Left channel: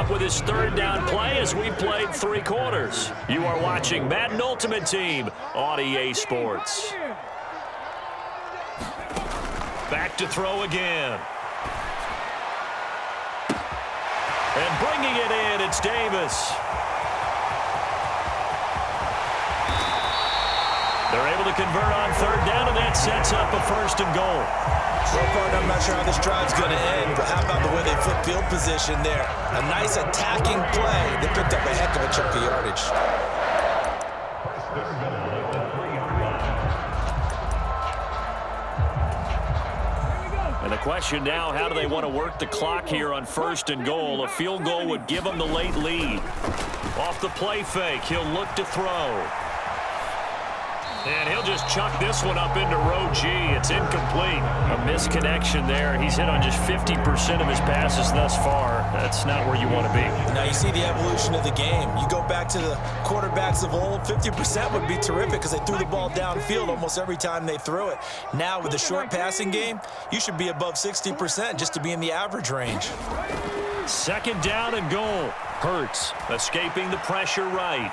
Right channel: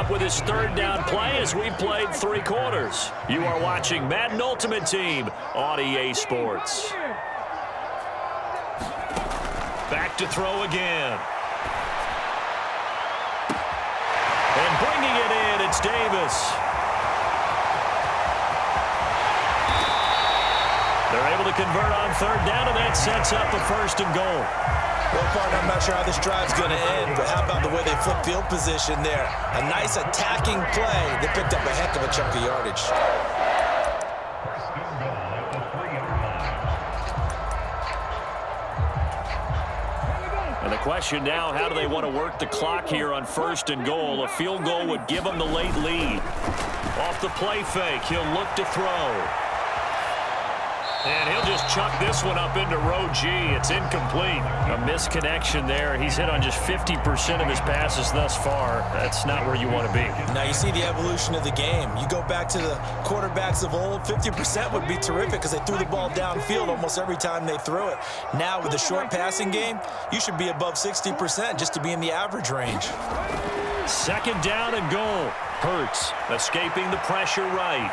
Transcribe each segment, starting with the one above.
up with his third down play as we've played 3 quarters. You are watching Madden Ultimate Team on EA Sports. Back to throw again. And bringing it in, it's Davis. They're able to convert on third down, and that sets up a 1st and goal. Well, partner, I'm not sure how this drive's going to end, but how about the way they flip field position there? A nice attacking play. They picked up a heck of a chunk of yardage. 1st and goal at the 3-yard line. And the question now, how do they want to work the clock here on 1st and goal? A field goal would give them the late lead. Off the play fake, he'll look to throw. And he'll just chuck this one up into row G. It's incomplete. A misconnection there. He's hit on just 50% of his passes thus far. That's not where you want to be. Now you see the evolution of the game. You go back to the quarterbacks of old, 50% would be terrific because they threw the ball downfield almost every time they threw it. Now with the short passing game, you should be above 60% just to be in the average range. 2nd down and goal. Hurts escaping the pressure right.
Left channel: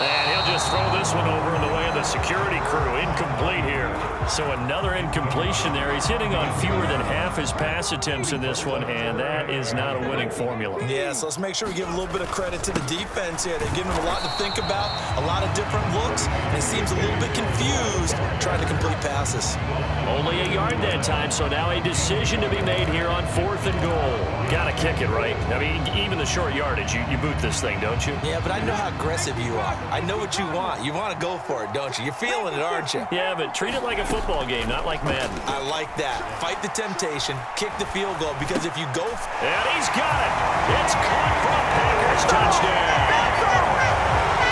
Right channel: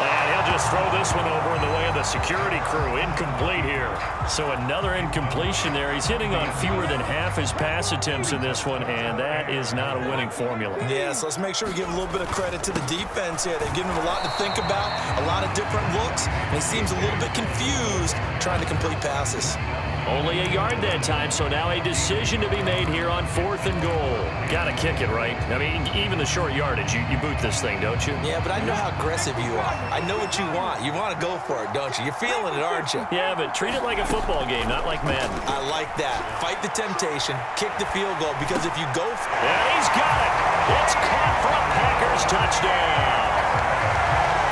And he'll just throw this one over in the way of the security crew. Incomplete here. So another incompletion there. He's hitting on fewer than half his pass attempts in this one, and that is not a winning formula. Yeah, so let's make sure we give a little bit of credit to the defense here. They've given him a lot to think about, a lot of different looks, and he seems a little bit confused trying to complete passes. Only a yard that time, so now a decision to be made here on 4th and goal. Got to kick it, right? I mean, even the short yardage, you boot this thing, don't you? Yeah, but I know how aggressive you are. I know what you want. You want to go for it, don't you? You're feeling it, aren't you? Yeah, but treat it like a football game, not like Madden. I like that. Fight the temptation. Kick the field goal, because if you go... And he's got it. It's caught for a Packers touchdown.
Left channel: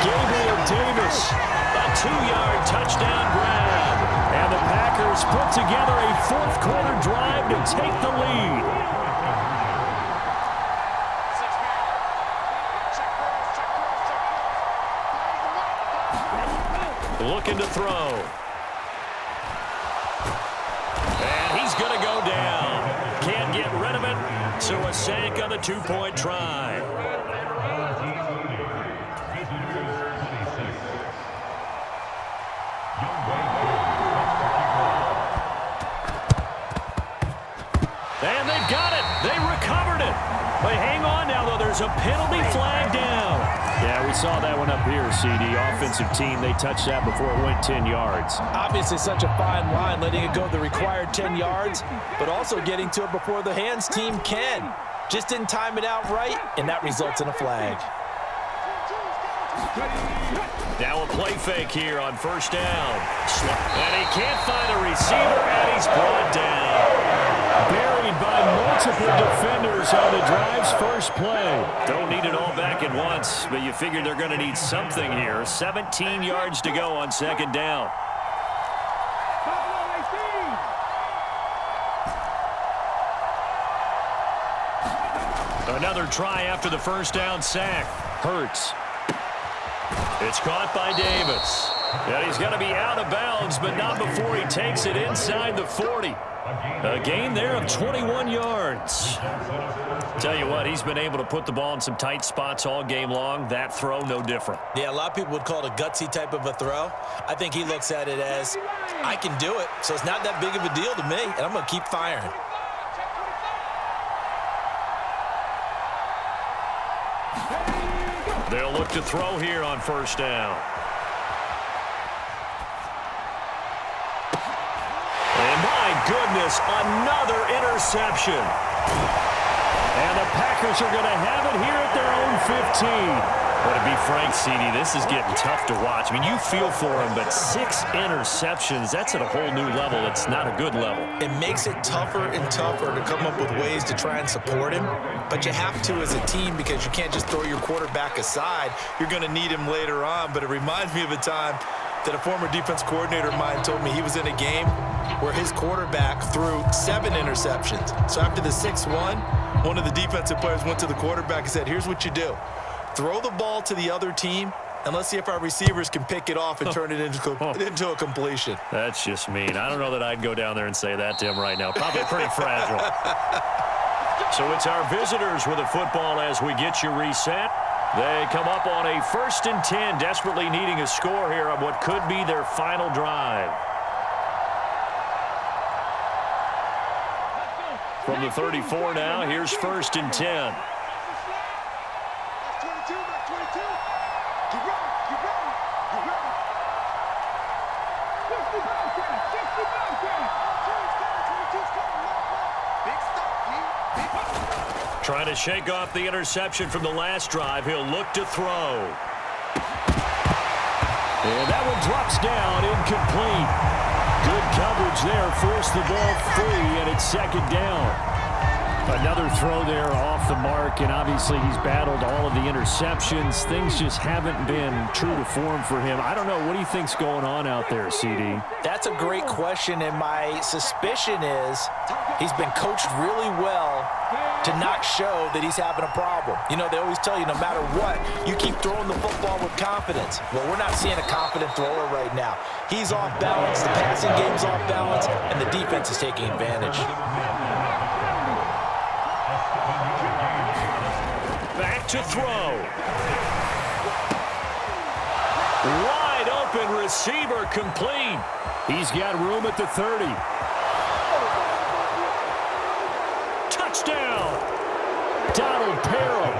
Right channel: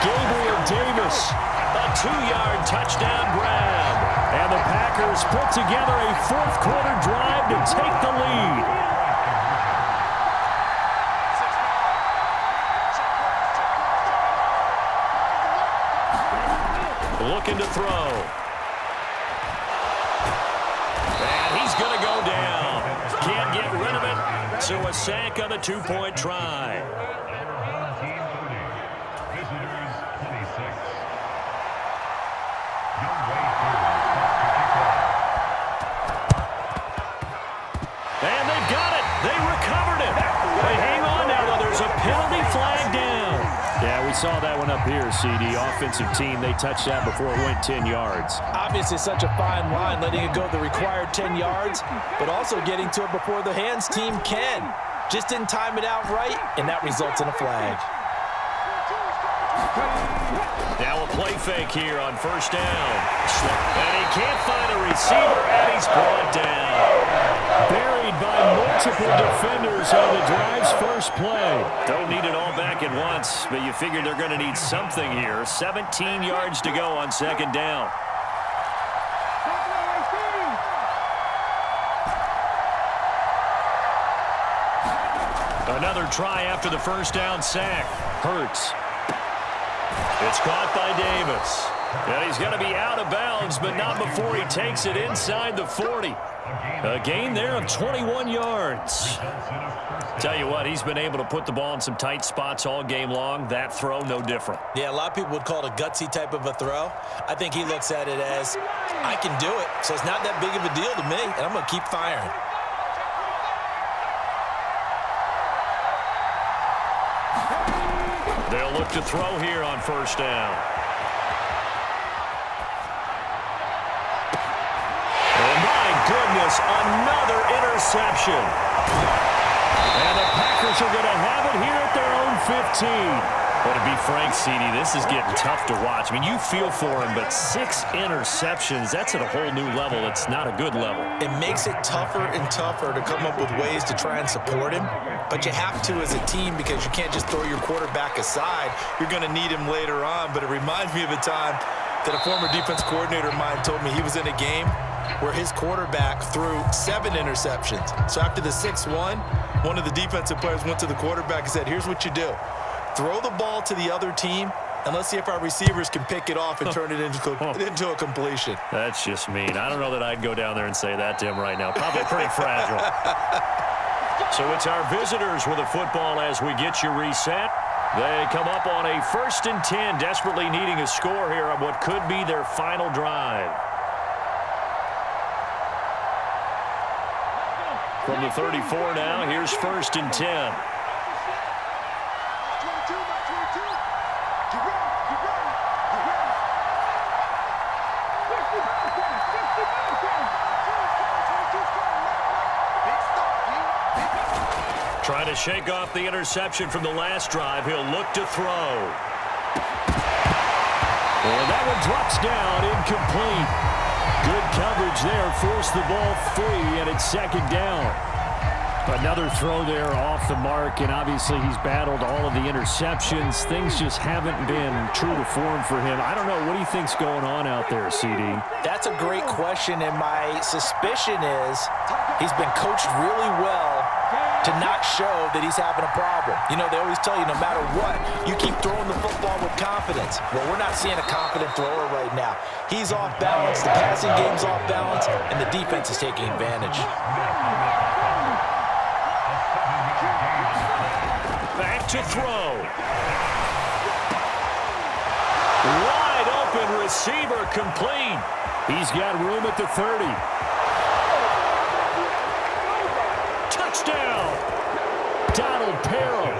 Gabriel Davis, a 2-yard touchdown grab. And the Packers put together a 4th quarter drive to take the lead. Looking to throw. And he's going to go down. Can't get rid of it. So a sack on the 2-point try. Visitors 26. And they've got it. They recovered it. But hang on now, though. There's a penalty flag down. Yeah, we saw that one up here, CD. Offensive team, they touched that before it went 10 yards. Obviously such a fine line, letting it go the required 10 yards, but also getting to it before the hands team can. Just didn't time it out right, and that results in a flag. Now a play fake here on 1st down. And he can't find a receiver, and he's brought down. Buried by multiple defenders on the drive's first play. Don't need it all back at once, but you figure they're going to need something here. 17 yards to go on 2nd down. Another try after the 1st down sack. Hurts. It's caught by Davis. And he's going to be out of bounds, but not before he takes it inside the 40. A gain there of 21 yards. Tell you what, he's been able to put the ball in some tight spots all game long. That throw, no different. Yeah, a lot of people would call it a gutsy type of a throw. I think he looks at it as, I can do it, so it's not that big of a deal to me, and I'm going to keep firing. They'll look to throw here on 1st down. And my goodness, another interception. And the Packers are going to have it here at their own 15. But to be frank, CD, this is getting tough to watch. I mean, you feel for him, but 6 interceptions, that's at a whole new level. It's not a good level. It makes it tougher and tougher to come up with ways to try and support him. But you have to as a team, because you can't just throw your quarterback aside. You're going to need him later on. But it reminds me of a time that a former defense coordinator of mine told me he was in a game where his quarterback threw 7 interceptions. So after the 6-1, one of the defensive players went to the quarterback and said, here's what you do. Throw the ball to the other team, and let's see if our receivers can pick it off and turn it into a completion. That's just mean. I don't know that I'd go down there and say that to him right now. Probably pretty fragile. So it's our visitors with the football as we get you reset. They come up on a 1st and 10, desperately needing a score here on what could be their final drive. From the 34 now, here's 1st and 10. Trying to shake off the interception from the last drive. He'll look to throw. And that one drops down, incomplete. Good coverage there, forced the ball free, and it's 2nd down. Another throw there off the mark, and obviously he's battled all of the interceptions. Things just haven't been true to form for him. I don't know. What do you think's going on out there, CD? That's a great question, and my suspicion is he's been coached really well to not show that he's having a problem. You know, they always tell you no matter what, you keep throwing the football with confidence. Well, we're not seeing a confident thrower right now. He's off balance, the passing game's off balance, and the defense is taking advantage. Back to throw. Wide open receiver, complete. He's got room at the 30. Touchdown. Donald Parham,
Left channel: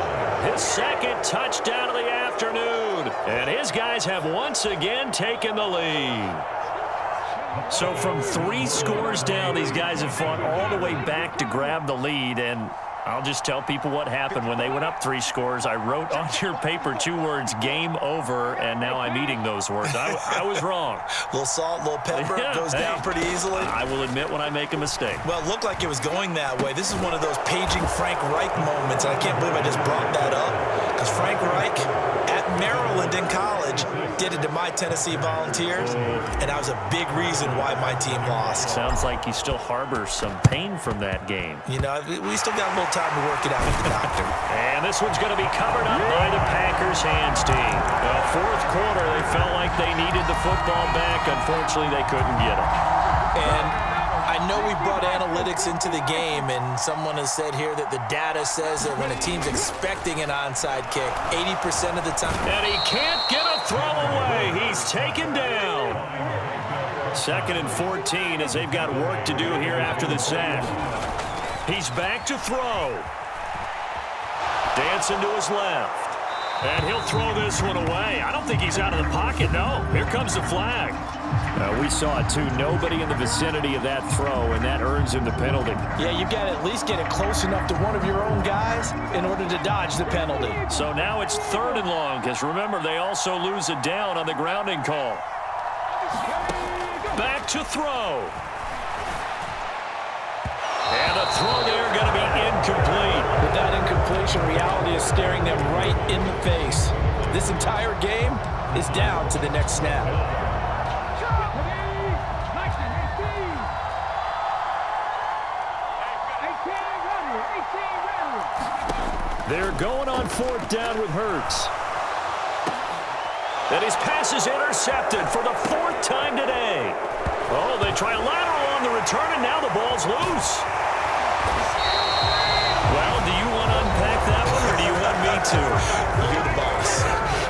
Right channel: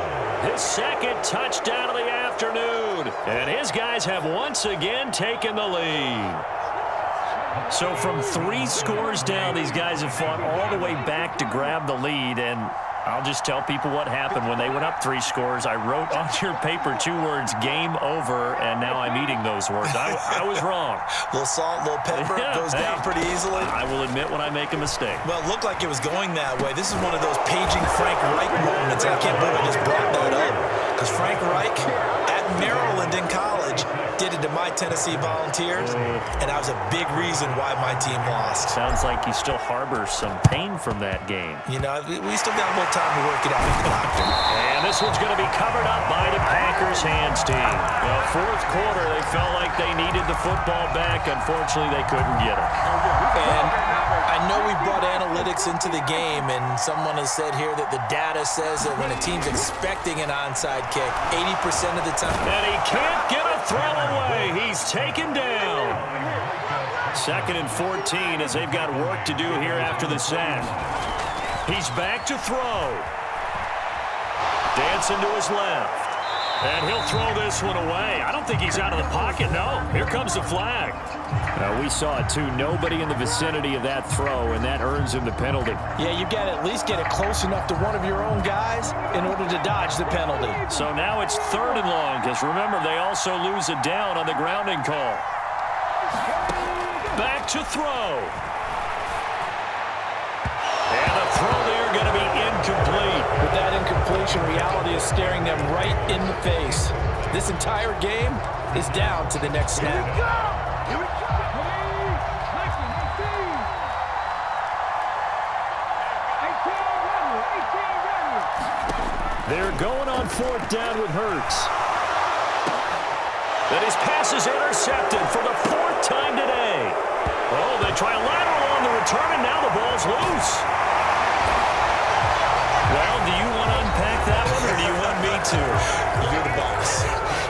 his 2nd touchdown of the afternoon. And his guys have once again taken the lead. So from 3 scores down, these guys have fought all the way back to grab the lead, and I'll just tell people what happened when they went up 3 scores. I wrote on your paper 2 words, game over, and now I'm eating those words. I was wrong. Little salt, little pepper, goes down pretty easily. I will admit when I make a mistake. Well, it looked like it was going that way. This is one of those paging Frank Reich moments, and I can't believe I just brought that up, because Frank Reich at Maryland in college did it to my Tennessee Volunteers, and that was a big reason why my team lost. Sounds like he still harbors some pain from that game. You know, we still got a little time to work it out with the doctor. And this one's going to be covered up by the Packers hands team. Well, 4th quarter, they felt like they needed the football back. Unfortunately, they couldn't get it. And I know we brought analytics into the game, and someone has said here that the data says that when a team's expecting an onside kick, 80% of the time. And he can't get a throw away. He's taken down. 2nd and 14 as they've got work to do here after the sack. He's back to throw. Dancing to his left. And he'll throw this one away. I don't think he's out of the pocket, no. Here comes the flag. We saw it, too. Nobody in the vicinity of that throw, and that earns him the penalty. Yeah, you've got to at least get it close enough to one of your own guys in order to dodge the penalty. So now it's 3rd and long, because remember, they also lose a down on the grounding call. Back to throw. And the throw there going to be incomplete. With that incompletion, reality is staring them right in the face. This entire game is down to the next snap. They're going on 4th down with Hurts. Then his pass is intercepted for the 4th time today. Oh, they try a lateral on the return, and now the ball's loose. Well, do you want to unpack that one, or do you want me to? You're the boss.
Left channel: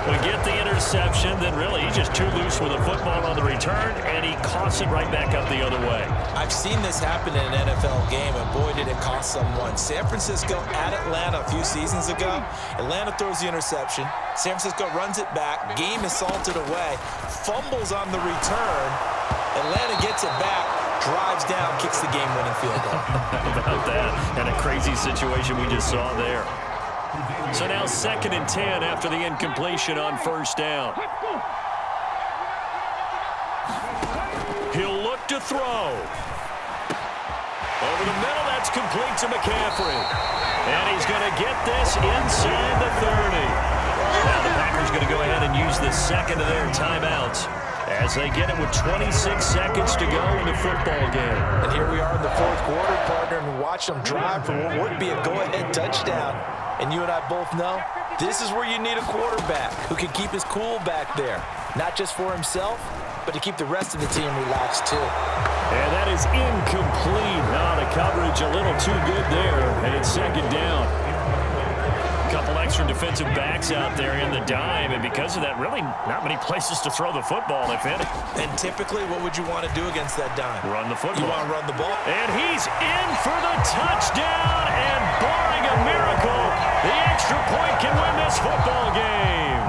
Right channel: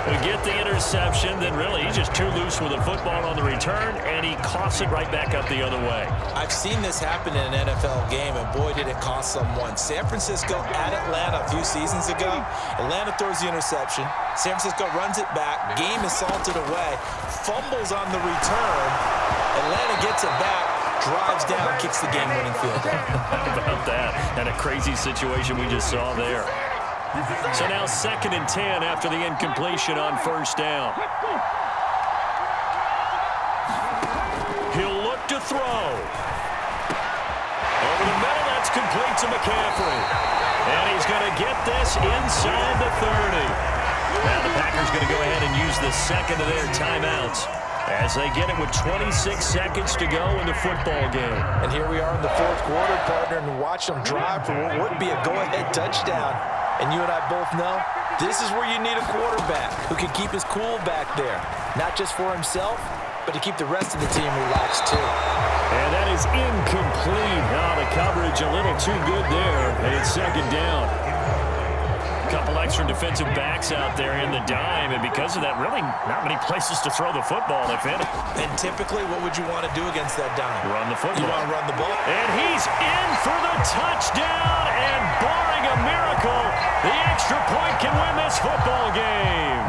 We get the interception, then really he's just too loose with the football on the return, and he coughs it right back up the other way. I've seen this happen in an NFL game, and boy, did it cost someone. San Francisco at Atlanta a few seasons ago. Atlanta throws the interception. San Francisco runs it back. Game is salted away. Fumbles on the return. Atlanta gets it back, drives down, kicks the game-winning field goal. How about that? And a crazy situation we just saw there. So now 2nd and 10 after the incompletion on 1st down. He'll look to throw. Over the middle, that's complete to McCaffrey. And he's going to get this inside the 30. Now the Packers going to go ahead and use the 2nd of their timeouts as they get it with 26 seconds to go in the football game. And here we are in the 4th quarter, partner, and watch them drive for what would be a go-ahead touchdown. And you and I both know this is where you need a quarterback who can keep his cool back there, not just for himself, but to keep the rest of the team relaxed too. And that is incomplete. Oh, the coverage a little too good there, and it's second down. A couple extra defensive backs out there in the dime, and because of that, really not many places to throw the football, if any. And typically, what would you want to do against that dime? Run the football. You want to run the ball. And he's in for the touchdown, and barring a miracle, the extra point can win this football game.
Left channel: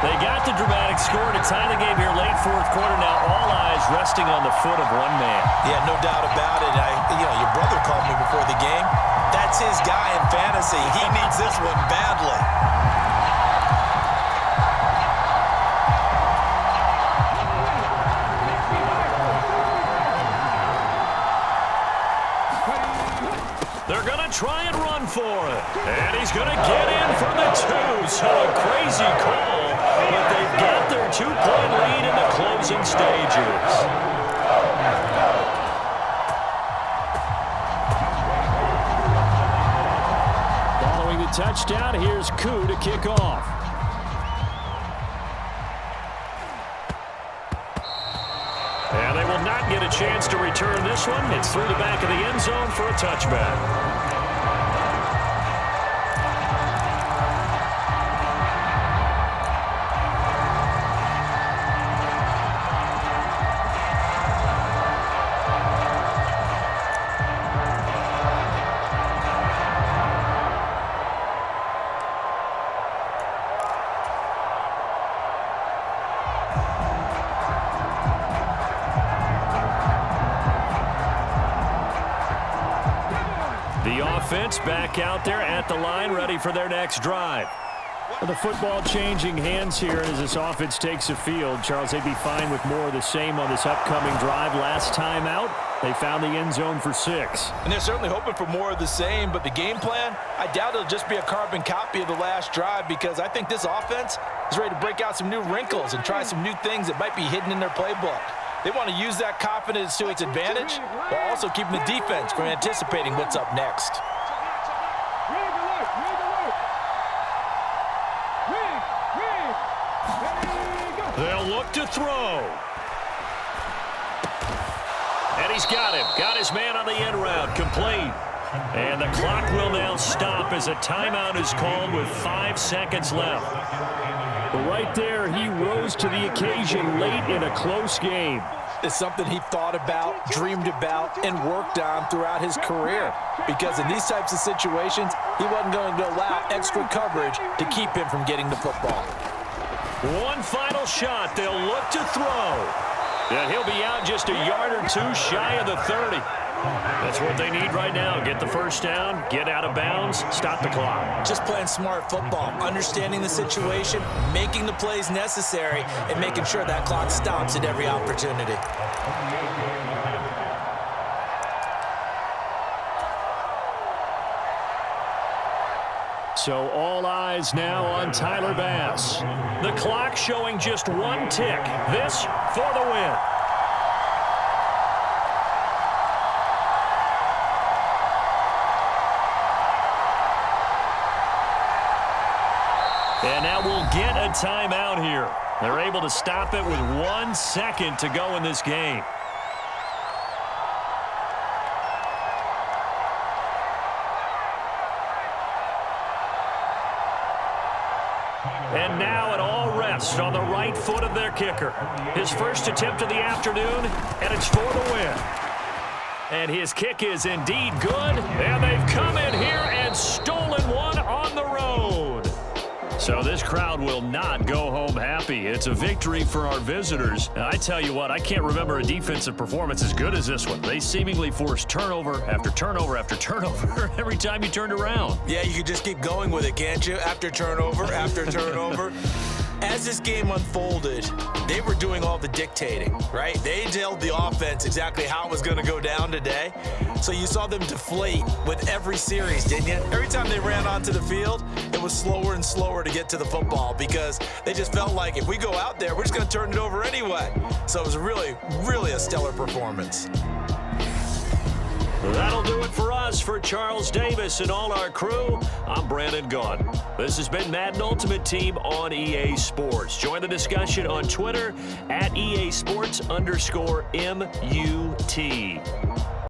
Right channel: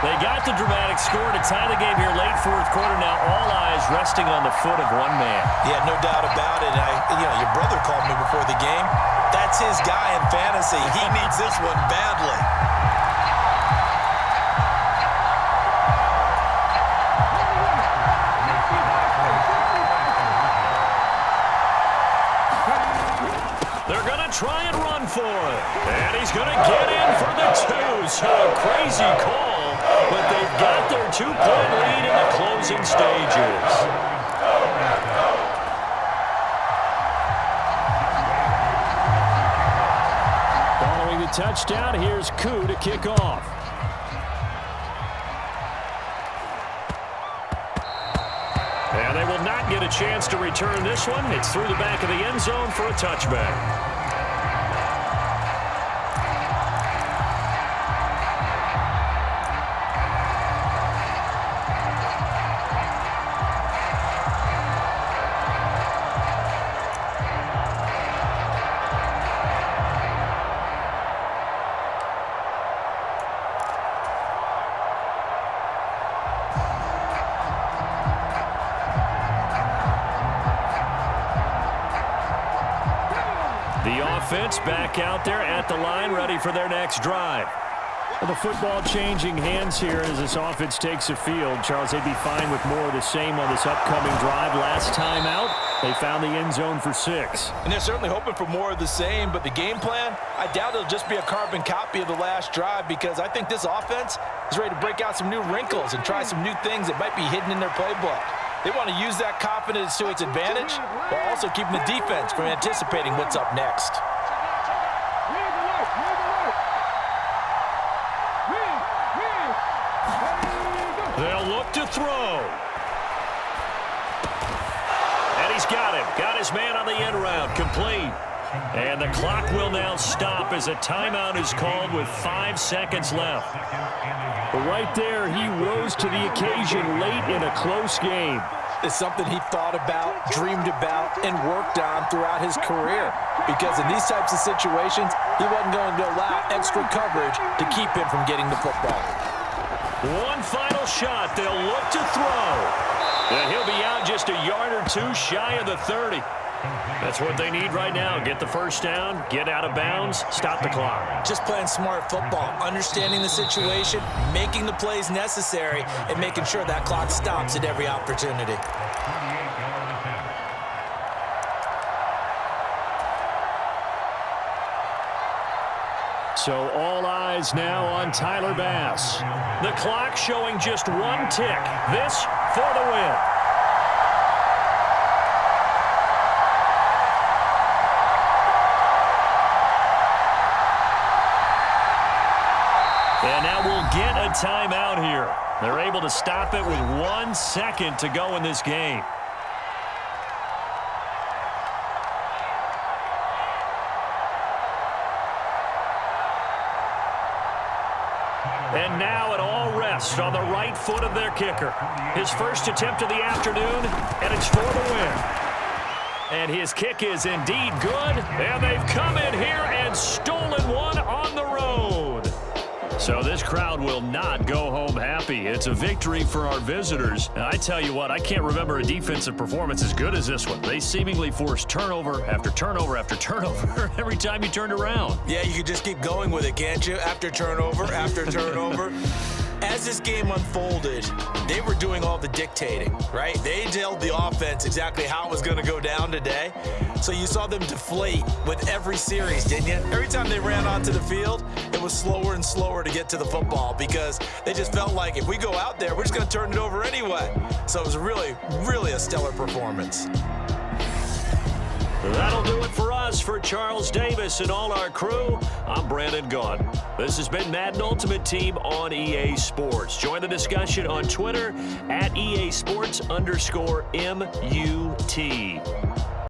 They got the dramatic score to tie the game here late fourth quarter. Now all eyes resting on the foot of one man. Yeah, no doubt about it. Your brother called me before the game. That's his guy in fantasy. He needs this one badly. They're going to try and run for it. And he's going to get in for the two. So a crazy call, but they've got their 2-point lead in the closing stages. Following the touchdown, here's Koo to kick off. And they will not get a chance to return this one. It's through the back of the end zone for a touchback. The offense back out there at the line, ready for their next drive. Well, the football changing hands here as this offense takes the field. Charles, they'd be fine with more of the same on this upcoming drive. Last time out, they found the end zone for 6. And they're certainly hoping for more of the same, but the game plan, I doubt it'll just be a carbon copy of the last drive, because I think this offense is ready to break out some new wrinkles and try some new things that might be hidden in their playbook. They want to use that confidence to its advantage while also keeping the defense from anticipating what's up next. They'll look to throw. And he's got him. Got his man on the end route. Complete. And the clock will now stop as a timeout is called with 5 seconds left. But right there, he rose to the occasion late in a close game. It's something he thought about, dreamed about, and worked on throughout his career. Because in these types of situations, he wasn't going to allow extra coverage to keep him from getting the football. One final shot. They'll look to throw. And he'll be out just a yard or two shy of the 30. That's what they need right now. Get the first down, get out of bounds, stop the clock. Just playing smart football, understanding the situation, making the plays necessary, and making sure that clock stops at every opportunity. So all eyes now on Tyler Bass. The clock showing just one tick. This for the win. And now we'll get a timeout here. They're able to stop it with 1 second to go in this game. And now it all rests on the right foot of their kicker. His first attempt of the afternoon, and it's for the win. And his kick is indeed good, and they've come in here and stolen one on the road. So this crowd will not go home happy. It's a victory for our visitors. And I tell you what, I can't remember a defensive performance as good as this one. They seemingly forced turnover after turnover after turnover every time you turned around. Yeah, you could just keep going with it, can't you? After turnover, after turnover. As this game unfolded, they were doing all the dictating, right? They told the offense exactly how it was going to go down today. So you saw them deflate with every series, didn't you? Every time they ran onto the field, it was slower and slower to get to the football because they just felt like if we go out there, we're just going to turn it over anyway. So it was really, really a stellar performance. That'll do it for us. us for Charles Davis and all our crew, I'm Brandon Gaudin. This has been Madden Ultimate Team on EA Sports. Join the discussion on Twitter at EA Sports_MUT.